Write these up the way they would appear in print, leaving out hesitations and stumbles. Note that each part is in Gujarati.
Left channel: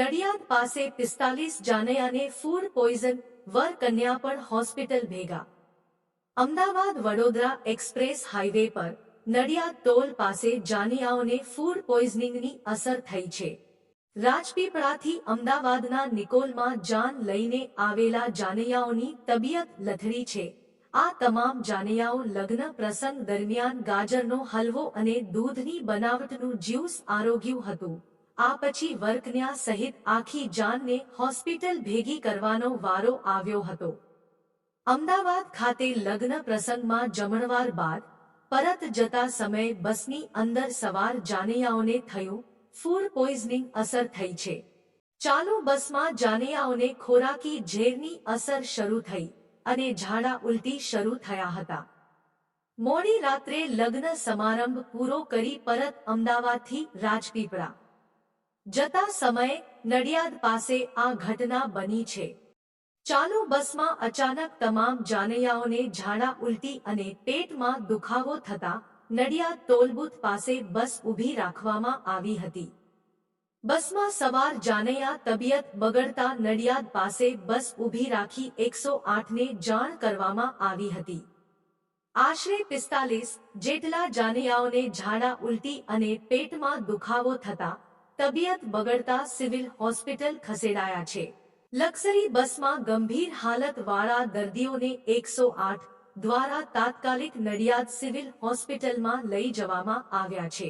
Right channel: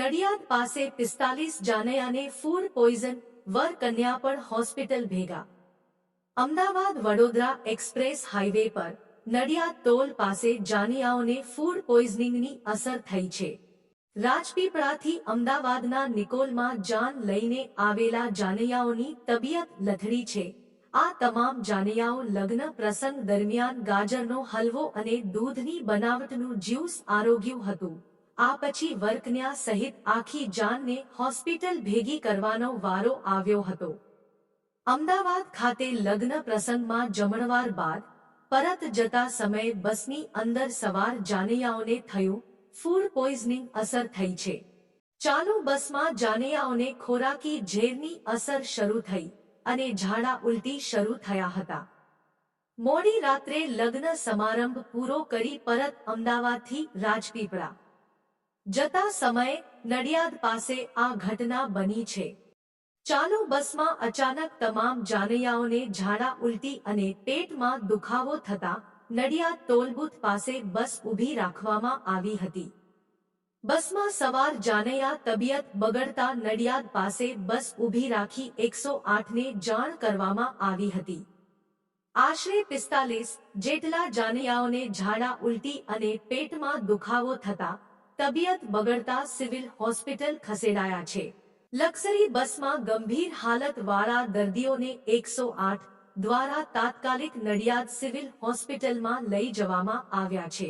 નડિયાદ પાસે 45 જાનૈયાને ફૂડ પોઈઝન, વર કન્યા પણ હોસ્પિટલ ભેગા। અમદાવાદ વડોદરા એક્સપ્રેસ હાઈવે પર નડિયાદ ટોલ પાસે જાનૈયાઓને ફૂડ પોઈઝનિંગની અસર થઈ છે। રાજપીપળાથી અમદાવાદના નિકોલમાં જાન લઈને આવેલા જાનૈયાઓની તબિયત લથડી છે। આ તમામ જાનૈયાઓ લગ્ન પ્રસંગ દરમિયાન ગાજરનો હલવો અને દૂધની બનાવટનું જ્યુસ આરોગ્યું હતું। આ પછી વરકન્યા સહિત આખી જાનને હોસ્પિટલ ભેગી કરવાનો વારો આવ્યો હતો। અમદાવાદ ખાતે લગ્ન પ્રસંગમાં જમણવાર બાદ પરત જતા સમયે બસની અંદર સવાર જાનૈયાઓને થયું ફૂડ પોઈઝનિંગ અસર થઈ છે। ચાલુ બસમાં જાનૈયાઓને ખોરાકી ઝેરની અસર શરૂ થઈ અને ઝાડા ઉલટી શરૂ થયા હતા। મોડી રાત્રે લગ્ન સમારંભ પૂરો કરી પરત અમદાવાદથી રાજપીપળા જતા સમયે નડિયાદ પાસે આ ઘટના બની છે। ચાલુ બસમાં અચાનક તમામ જાનૈયાઓને ઝાડા ઉલટી અને પેટમાં દુખાવો થતા નડિયાદ ટોલબૂથ પાસે બસ ઊભી રાખવામાં આવી હતી। બસમાં સવાર જાનૈયા તબિયત બગડતા નડિયાદ પાસે બસ ઊભી રાખી 108ને જાણ કરવામાં આવી હતી। આશરે 45 જેટલા જાનૈયાઓને ઝાડા ઉલટી અને પેટમાં દુખાવો થતા તબિયત બગડતા સિવિલ હોસ્પિટલ ખસેડાયા છે। લક્ઝરી બસમાં ગંભીર હાલતવાળા દર્દીઓને 108 દ્વારા તાત્કાલિક નડિયાદ સિવિલ હોસ્પિટલમાં લઈ જવામાં આવ્યા છે।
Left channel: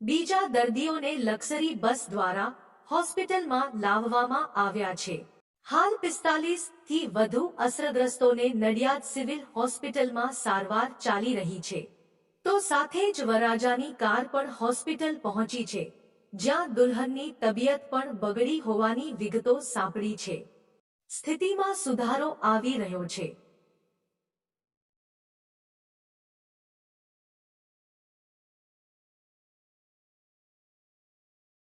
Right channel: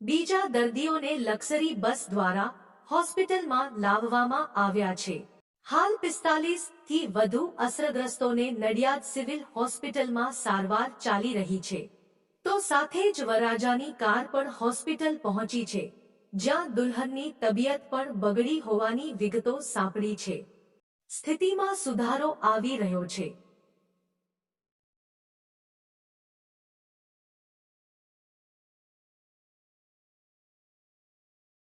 બીજા દર્દીઓને લક્ઝરી બસ દ્વારા હોસ્પિટલમાં લાવવામાં આવ્યા છે। હાલ 45થી વધુ અસરગ્રસ્તોને નડિયાદ સિવિલ હોસ્પિટલમાં સારવાર ચાલી રહી છે। તો સાથે જ વરરાજાની કાર પણ હોસ્પિટલ પહોંચી છે, જ્યાં દુલ્હનની તબિયત પણ બગડી હોવાની વિગતો સાંપડી છે। સ્થિતિમાં સુધારો આવી રહ્યો છે।